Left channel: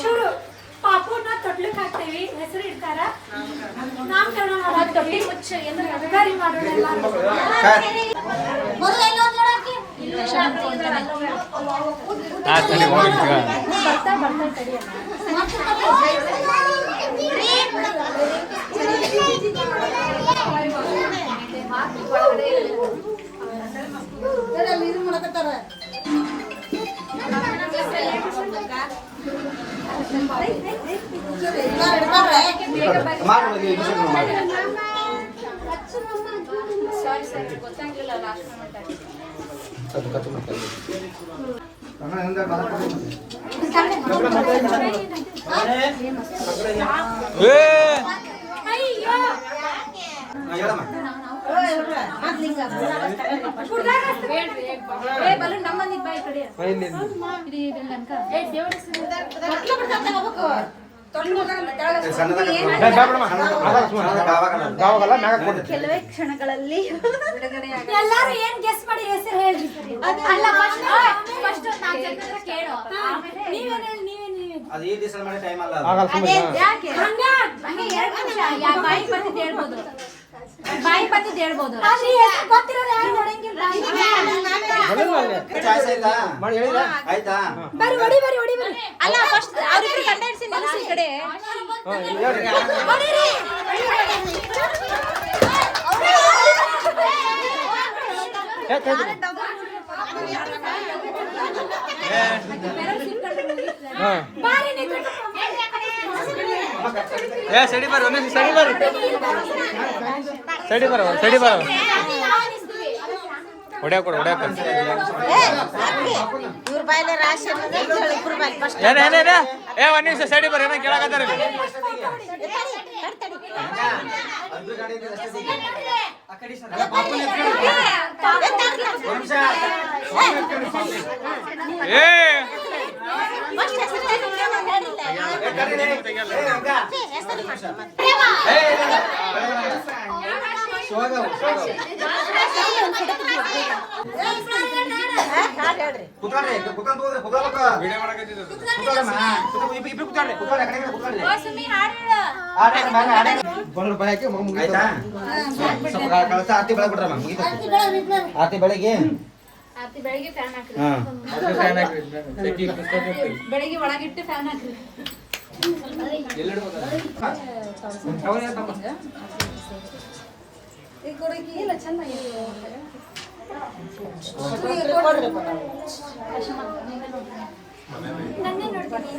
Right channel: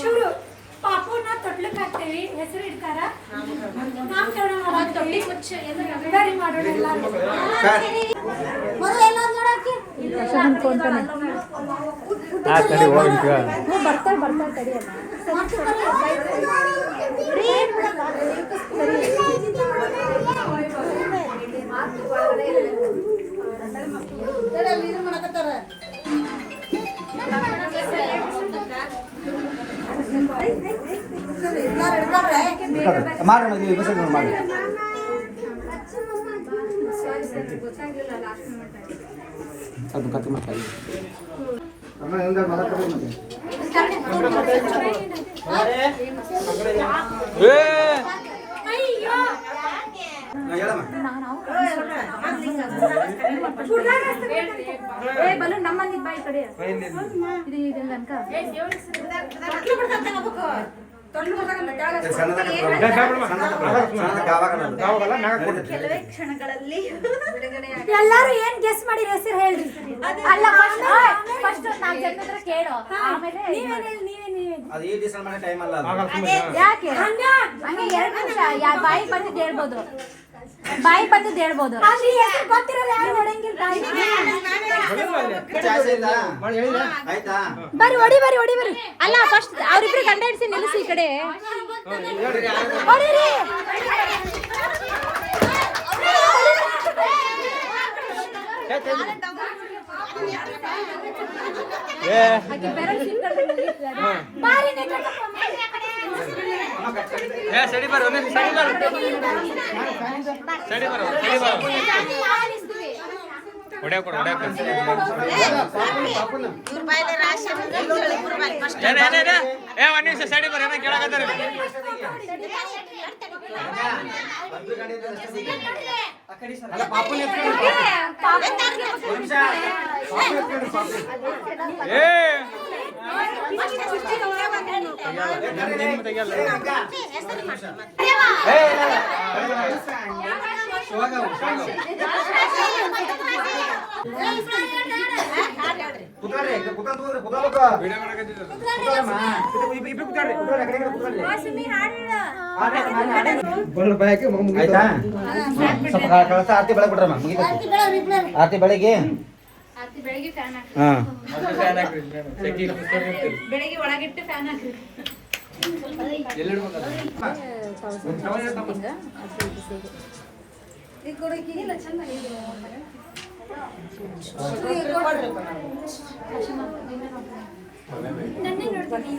ಶುರು ಪಾಪುನ ತೊಟ್ಲಕ್ ಹಾಕ್ತೇವಿ. ಹೆಸರು ಇಡ್ತಾರ. ನಾಮಕರಣ ಮಾಡಾಕ್ತೇವಿ ಗಾಡಿ ಮಾಡೋಣ ಎಲ್ಲಾರು. ಬರ್ತಾ ತಡಿ. ಮಾಡಿ ಮದುವೆ ಇದು ಸ್ವಲ್ಪ ಮಾಡಿ ಸ್ವಲ್ಪ ಖರ್ಚು ಮಾಡ್ತಾರೆ ಅಮ್ಮ ಹಿಂಗೆ ಮಾತಾಡ್ತಾರೆ ಮತ್ತೆ. ಅಯ್ಯೋ ಹಾ, ಹೇಳಮ್ಮ ಏ ಬಲು ನಡೀತೈತೆ. ಕ್ಷಣಗಳಲ್ಲಿ ಎಲ್ಲರೂ ಏನ್ ಗೆಸ್ ಮಾಡಿ ಹೆಸರು ಹೇಳ್ರಿ ಅಲ್ಲ ಫಸ್ಟ್ ಕೇಳು. ನೀವೇನ್ ಹೇಳಿ ನೀವೇ ನೀವೇ ಅದು ಈ ದಿವಸ ಮಾಡೋ ಟೈಮ್ ಅಲ್ಲ ಅದು. ಯಾಕೆ ಹಂಗ ಹಂಗೆ ಎರಡು ಬಾಯಿ ಬಂದಿದ್ದು ಹೇಳ್ಬೋದು ಬಾಯಿ ಬಂದಿದ್ದು ಹೇಳ್ಬೋದು. ಅಲ್ಲಿ ಹೆಸರು ಗೊತ್ತಿರಲ್ಲ ಯಾರು ಹೊಡಂಗಿಲ್ಲ ಆಯ್ತಾ? ಆಯ್ತಾ? ಬರ್ರಿ ಹೊಡಿ ಬರ್ರಿ ಹೊಡಿ ಬರ್ರಿ. ಅಲ್ಲ ಫಸ್ಟ್ ಅವ್ರಿಬ್ರು ಹೆಂಡ್ತಿ ನಿಲ್ಲಿಸಿ ಈ ಕಡೆ. ಹೊಡಿರಿ. ಏ ಸಡಿ ಬರ್ರಿ ಒಂದೇ ಸಡಿ ಬರ್ರಿ. ಸಡಿ ಬರ ಸಡಿ ಬರ ಹೊಡ್ಯಾಕ ಕೊಡು ಏ ಒಂದ್ ನಿಮಿಷ ಸಡಿ ಬರ ಏನೋ ಕೇಳಕತ್ತಾರ ಏ. ಆರತಿ ಬೆಳಗ್ಗೆ ಬಿಡ್ರಮ್ಮ ಮುಗಿಬೇಕು ಆರತಿ ಬೆಳಗ್ಗೆ ಬೆಳಿಗ್ಗೆ ಫ್ಯಾನ್ ಹಾಕಿ ಹಾ. ಬೆಳಿಗ್ಗೆ ಒಳಗಿಟ್ಟು ಫ್ಯಾನ್ ಹಾಕಿ ನನ್ನೇ ನೋಡ್ತೀನಿ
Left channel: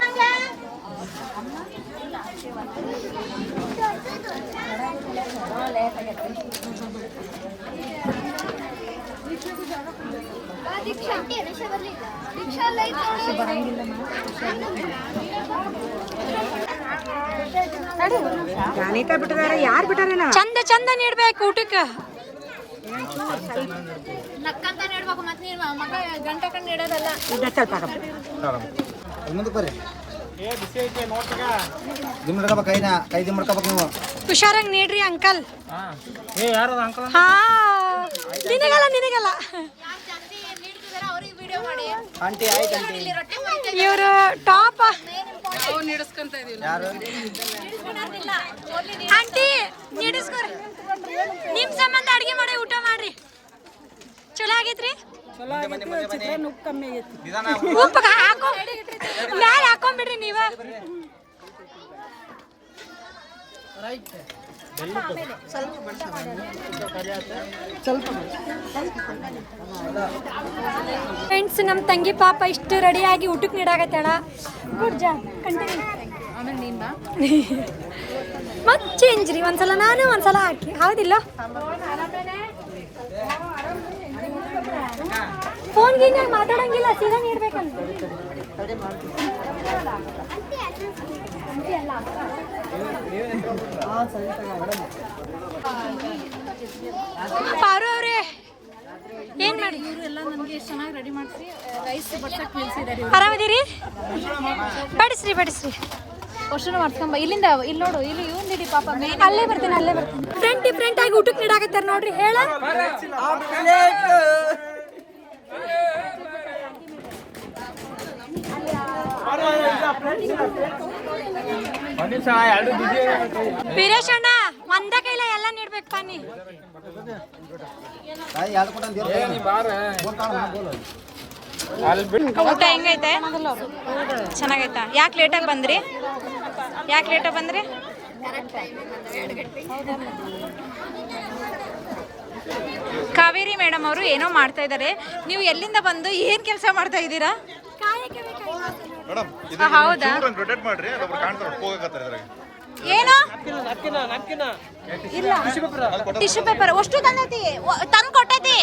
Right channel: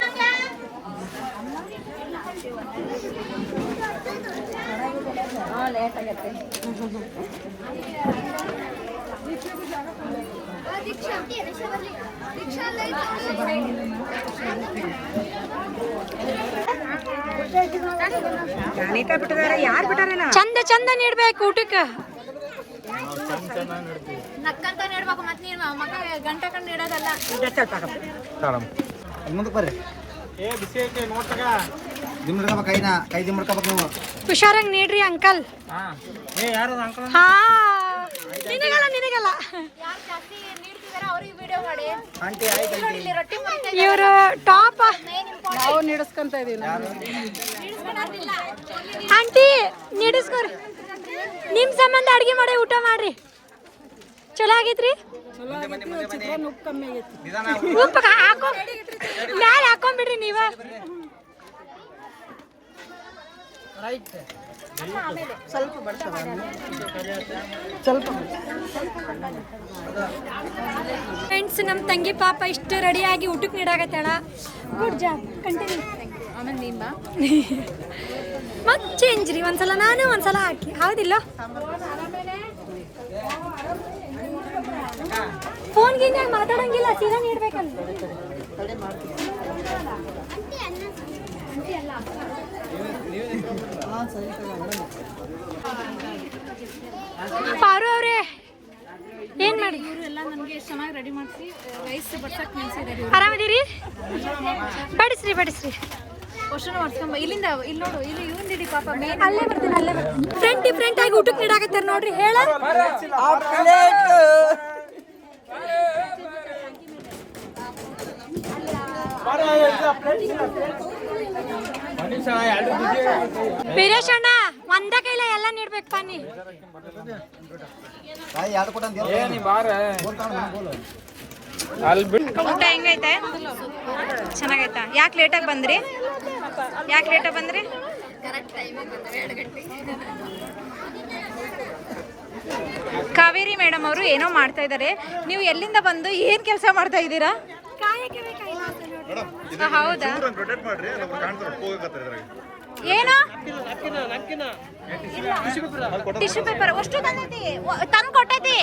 ಚಂದ ಚಂದ ನೀಡ್ಬೇಕು ಊಟಕ್ಕೆ. ನಕ್ಕಂತ ನೀಡ್ಬೇಕು ಮತ್ತೆ ನೀನು ಮಗ ಗಂಟೆ ಕಂಡು ನೀಡೋದಲ್ಲ. ಮುಂದಕ್ಕೆ ಬರ್ರಿ ದಿಮ್ ಹಿಡ್ಕೊಬೇಕು ಕೈನ ಕೈ ದಿಮ್ ನೀವು. ಹುಷಾರಾಗಿ ನೀಡ್ರಿ ಅಂಕಲ್. ಹಾ. ನಿನಗಲ್ಲ ಇವರು ಟಾಪ್. ಆಂಟಿ ನೀಡಿಸ್ಕೊರಿ. ನಿಮ್ ಸಂಬಂಧ ಅಡಿಗೆ ಮಾಡಿ ಊಟ ಮಾಡ್ರಿ. ಚಲೋ ಆಗೈತ್ರಿ? ನಿಧಾನ ಉಪ್ಪು ಹಾಕೋ. ಮ್ಯಾಲ ಹಾಕೊಂಡ್ಬಿಡ್ರಿ ನೀವ. ಫ್ರೆಂಡ್ಸ್ ನಮ್ಮ ತಂಗಿ ಪಾಪ ಇಷ್ಟು ರೆಡಿಯಾಗಿ ಊಟಕ್ಕೆ ನೀಡಾಕತ್ತಾಳ ಗುಡ್ ಜಾಬ್ ಕಂಟಿನ್ಯೂ ಮತ್ತೆ ಚೇಂಜ್ ರೀ. ಒಂದ್ಸಲ ನಾನು ಒಂದ್ಸಲ ಹಾಕಿ. ಹೌದಿಲ್ಲ? ಫೋನ್ ಗೀನ್ಯಾಗ ಮಾತಾಡಂಗಿಲ್ಲ, ಸೀದಾ ನೀಡ್ಬೇಕಲ್ಲ. ಪಾರು ಅವ್ರೆ, ಏನ್ ಮಾಡಿ? ಇವರು ಎಲ್ಲ ನನಗೆ ಚೆನ್ನಾಗಿ ರೆಡಿ ಮಾಡಿಸಿ ರೈಸ್ ಬಡ್ಸಕ್ ನಿಲ್ಸಿದ್ದಾರೆ ಆರಾಮದಿರಿ? ಬಡಿಸ್ರಿ ಬಡಿಸ್ರಿ. ಕ್ವಶನ್ ಮಾಡ್ಸ್ಕೊಂಬ ಇಲ್ಲಿಂದ ಇಲ್ಲಿ ನೋಡು ಇಲ್ಲಿ ಇವಂದಿಡಿ ಪಾಪ ಮೇನ್ ಅಲ್ಲೇ ಬರ್ತೀನಿ ಅಲ್ಲೇ ಬರ್ತೀನಿ. ಡಿಫ್ರೆಂಟ್ ಡಿಫ್ರೆಂಟ್ ಆಗಿ ಊಟಕ್ಕೆ ನೀಡಾಕತ್ತಾರ ನೋಡ್ರಿ, ಹೇಳ. ವೀರೇಶ್ ಅಣ್ಣ, ಒಂದ ಕೈಲ ಎಲ್ಲ ನೀಡ್ಬೇಕು ಅಕ್ಕ ಊಟ ಹೆಂಗೈತೆ? ಚೆನ್ನಾಗೈತ? ಯಾಕೆ ಲೇಟಾಗಿ ಬಂದ್ರಿ? ಯಾಕೆ ಲೇಟಾಗಿ ಬಂದ್ರಿ? ಕಾವೇರಿ ಮೇಡಮ್ ಅವರು ಏನೋ ಮಾಡ್ತಾ ಇದ್ದಾರೆ ನೀವು ಎಲ್ಲಿಂದ ಬಂದು ಏನ್ ಕೆಲಸ ಮಾಡ್ತಾ ಇದ್ದೀರಾ? ಆ, ಹೌದಾ? ರೊಟೇಟ್ ಮಾಡ್ರಿ ಅಲ್ಲೊಬ್ರು ಕಾಣ್ತಾರ ಹೋಗಕತ್ತಾರ ಇದ್ರಾಗ. ಏನು? ಇಲ್ಲ. ಟಿಶ್ಯೂ ಪೇಪರ್ ಅಷ್ಟು ತಂದೈತಿ ತಂದು ಕೊಟ್ಟೈತಿ.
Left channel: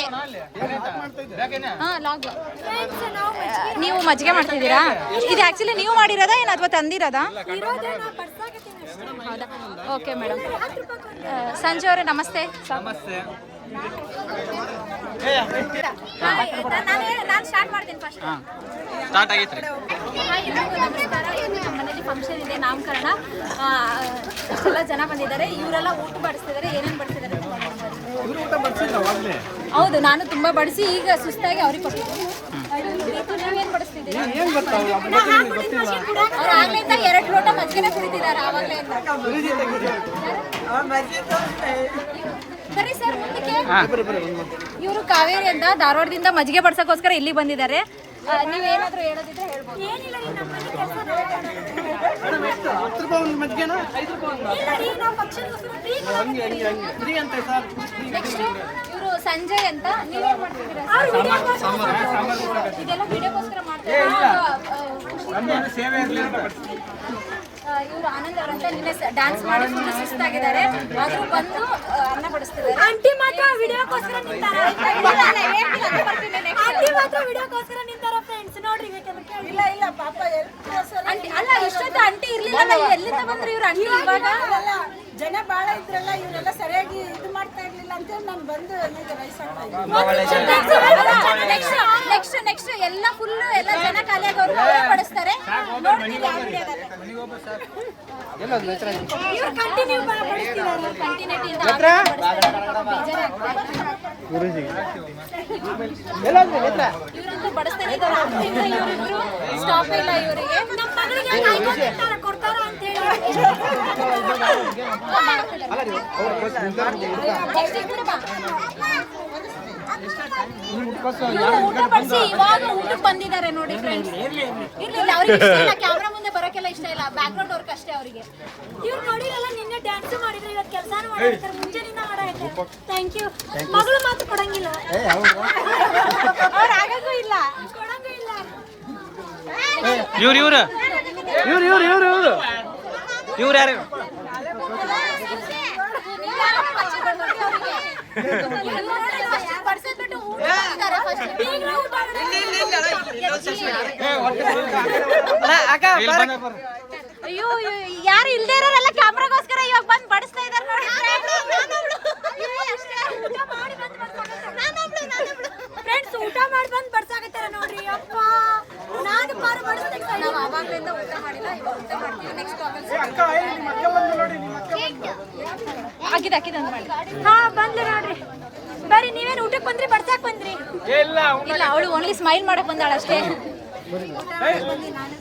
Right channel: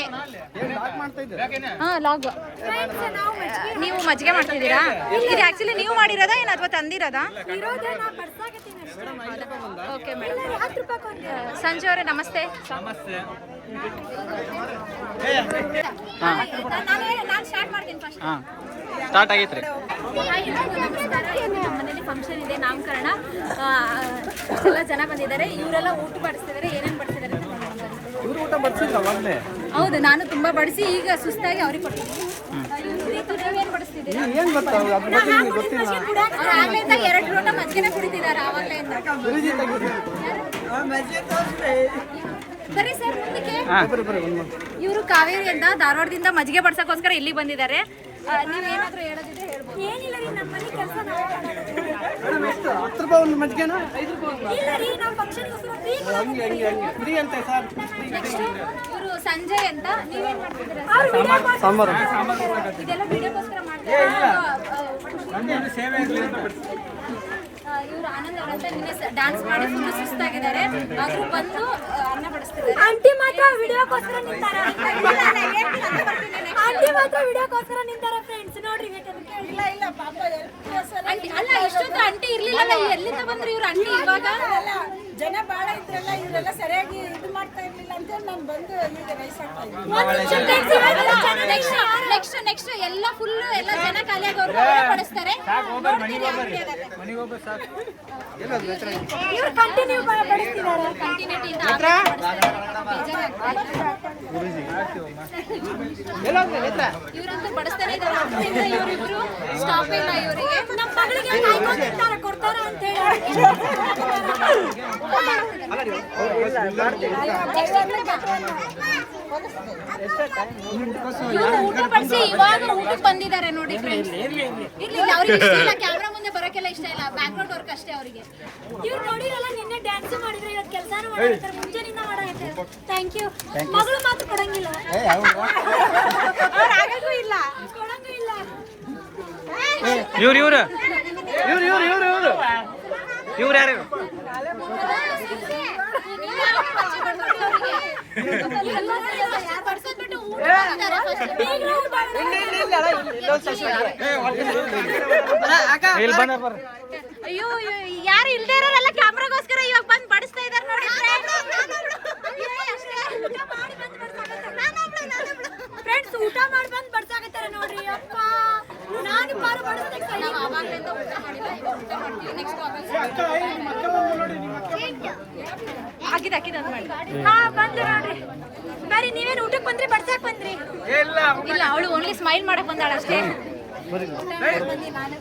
ಹಾ ಲಾಗ್. ನೀವು ಮಜ್ಜಿಗೆ ಮಾಡ್ತಿದ್ದೀರಾ? ಇದು ಆಕ್ಚುಲಿ ನೀವು ಮಾಡಿರೋದಾ ಏನು ಅಥವಾ ತಂದಿರೋದಾ? ಓಕೆ ಮೇಡಮ್ ಸಂಜೆ ಅವರೇ ನಮಸ್ತೆ. ನಮಸ್ತೆ. ಹಾಂ. ಸ್ಟಾರ್ಟ್ ಆಗೈತ್ರಿ. ನಮ್ಮ ಮನೇಲಿ ಫಂಕ್ಷನ್ ಇದೆ ನಾಮಕರಣ. ಇಷ್ಟೆಲ್ಲ ಜನ ಬಂದಿದ್ದಾರೆ ಇವರೆಲ್ಲ ಊಟ ಬಡಿಸ್ತಿದ್ದಾರೆ ಏನೇನು ಬಡಿಸಿದ್ದಾರೆ ಅಂತ ಇವರು ಊಟ ಬಡ್ಸಿದ್ರವಾಗಲೇ ಹೌದು ನಾನು ತುಂಬಾ ಬಡಿಸಿ ಈಗ ಸುಸ್ತಾಗಿ ಅವ್ರಿಗೆ ಕೊಟ್ಟಿದ್ದೀನಿ. ರೀತು, ನೀವೇನ್ ಬಡಿಸ್ತಿದ್ದೀರಿ? ಅವ್ರು ಆಗ್ಲಿಂದ ಎರಡು ಲೋಟ ಮಜ್ಜಿಗೆನ ಕುಡಿತಿದ್ದಾರೆ ಆವಾಗ್ಲಿಂದ ಬರೀ ಸರ್ ಮುಂದಕ್ಕೆ. ಇವರು ಕಾವೇರಿ ಅಂತ ಧಾರವಾಡದಿಂದ ಮಜ್ಜಿಗೆ ಬಡ್ಸಕ್ಕೋಸ್ಕರ ಇಲ್ಲಿ ಬಂದಿದ್ದಾರೆ. ಆ, ನೀವೇನಾದ್ರೂ ಹೇಳೋದಿದ್ರೆ ಹೇಳ್ಬೋದು. ಏನಿಲ್ಲ ರೀ ನಮ್ಮ ಮನೆ ಕೆಲಸ ನಾವು ಹತ್ತು ರೂಪಾಯಿ ಒಂದು ಮಜ್ಜಿಗೆನ? ಐದು ರೂಪಾಯಿ ಒಂದು? ಇಲ್ಲ ರೀ ನಾವು ಫಂಕ್ಷನ್ಗೋಸ್ಕರ ಫ್ರೀ ಹಂಗೆ ಹಂಗೆ ಹಂಗೆ. ಫ್ರೀ ಅಂತ ಸರ್ ನೆಕ್ಸ್ಟ್ ಇವರು ಸಂಜಯ್ ಅಂತ ನೀವೇನ್ ಮಾಡ್ತಿದ್ದೀರಾ ಸಾಂಬಾರು ಸಾಂಬಾರು ಇದೆಲ್ಲ ವಿಡಿಯೋಗೋಸ್ಕರ ಮಾಡ್ತಾರೆ. ನಮ್ಮಲ್ಲಿ ಸೇವೆ ಇರಲಿ ಅಂತ. ಇವರು ಆನಂದ್ ಅವರಂತ ನಿನ್ನೆ ಡ್ಯಾನ್ಸ್ ಮಾಡಿ ಫುಲ್ ಸುಸ್ತಾಗಿದ್ದಾರೆ. ಆದ್ರೂ ಬಂದು ಅನ್ನ ಬಡಿಸ್ತಿದ್ದಾರೆ. ಆಂಟಿ ಮಾತ್ರ ವಿಡಿಯೋಗೋಸ್ಕರ ನಿಂತಾರ? ಆಂಟಿ ಮಾತ್ರ ವಿಡಿಯೋಗೋಸ್ಕರ ನಿಂತಾರ ಫ್ರೆಂಡ್ಸ್ ನೋಡ್ರಿ ಬೇಕಾದ್ರೆ ಇಲ್ಲ ಇಲ್ಲ ಪಾಪ ಆಂಟಿ ಅಲ್ಲ ಇಷ್ಟೊತ್ತು ಆಂಟಿ ಇರ್ಲಿಲ್ಲ ಎಲ್ಲಿಂದ ಬಂದ್ರು ಇವ್ರು ಆಂಟಿ ಇವಾಗ? ಜನ ಬಾಳ ಇದ್ರಲ್ಲ ಇವರೆಲ್ಲ ಸರಿಯಾಗಿ ಇದು ಮಾಡ್ತಾ ಇರ್ಲಿಲ್ಲ ಅಂತೇಳಿ ನಾನು ಬಂದು ಈಗ ಇದ್ದೀನಿ. ನೆಕ್ಸ್ಟ್ ನೆಕ್ಸ್ಟ್ ಎಲ್ಲ ಫುಲ್ ಎಲ್ಲ ಜನ ಖಾಲಿಯಾಗಿ ಅವ್ರಿಗೆ ಪಡಿಸ್ತಾರೆ ಬಡಿಸ್ತಾರೆ. ನೋಡ್ತೀವಿ ಆ ವಿಡಿಯೋದಲ್ಲಿ ಇವ್ರಂತೂ ಬಡಿಸ್ತಾನೆ ಆಗ್ತಿಲ್ಲ ಇವರಿಬ್ರು. ಸ್ಟಾಪ್ ಇಲ್ಲ ಇವರಿಗೆ. ನಮ್ಮ ಮಗಳಿಗೆ ಕಾಯ್ಕೊಂಡಿರ್ತಾರ ಕೊಡ್ತಾರ ಅಂತ ಹೇಳಿ ಇವ್ರು ಊಟ ಬಡಿಸಿ ಇವಾಗ ಊಟಕ್ಕೆ ಬಂದಿದ್ದಾರೆ ನೋಡಿ ಫ್ರೆಂಡ್ಸ್ ಇರ್ಲಿ ಇಲ್ಲ ಅವ್ರಿಗೆ ಇಷ್ಟ ಇಲ್ಲ ಕ್ಯಾಮ್ರಾ ಮುಂದೆ ಬರೋಕೆಲ್ಲ ಇಷ್ಟ ಇಲ್ಲ ಬ್ಯಾಕ್ ಗ್ರೌಂಡ್ ವರ್ಕ್ ಅಷ್ಟೇ ಅವರಿಗೆ. ಇವ್ರು ನೋಡಿರಲ್ಲ ನಿನ್ನೆ ಡ್ಯಾನ್ಸ್ ಮಾಡಿದ್ರೆ ಇವತ್ತು ಕೆಲಸನೂ ಮಾಡಾಕತ್ತಾರ ಮುಂಜಾನಿಂದ ಮಾಡಾಕತ್ತಾರ. ಥ್ಯಾಂಕ್ ಯು ಮಗಳು ಮಾತು ಕೊಡಂಗಿಲ್ಲ. ಅವ್ರು ಆಗಂಗೂ ಇಲ್ಲ ಕೊಡಂಗೂ ಇಲ್ಲ. ಇವ್ರು ಇವ್ರು. ಇವ್ರು ಇವ್ರು ಇವ್ರು ಇವ್ರು. ಇವ್ರು ಯಾರು ಅಯ್ಯೋ ಯಾರು ಇಲ್ದೇ ಇರೋರೆಲ್ಲ ಕ್ಯಾಮ್ರಾಗೋಸ್ಕರ ಇವಾಗ ಬಂದು ಬಡಿಸ್ತಾ ಇದಾರೆ ನೋಡಿ ಫ್ರೆಂಡ್ಸ್ ಊಟ ಮಾಡಿ ಬಂದು ಬಡ್ಸಾಕತ್ತಾರ ನೋಡ್ರಿ ಅಪ್ಪ ನಾನು ಪಾರು ಬಡಿಸ್ತಾ ನಾವು ಆವಾಗ್ಲಿಂದ ಊಟ ಮಾಡಿಲ್ಲ ಇವಾಗ ಊಟ ಮಾಡ್ತೀವಿ ನೆಕ್ಸ್ಟ್ ಆಗಿದೆ ಆಗಿದೆ ಅಂತ ಹಾ ಬಂದ್ರಿ ಬರ್ರಿ ನೀವೇನು ಊಟಕ್ಕೆ ಬಂದ್ರಿ? ಬಡ್ಸಾಕ್ ಬಂದ್ರಿ? ಇಲ್ಲ ಅವಳು ಓನ್ಲಿ ಸ್ಮೈಲ್ ಮಾಡಕ್ ಬಂದಾಳ ಅಷ್ಟೇ. ಬಂದಿ ನಾನು.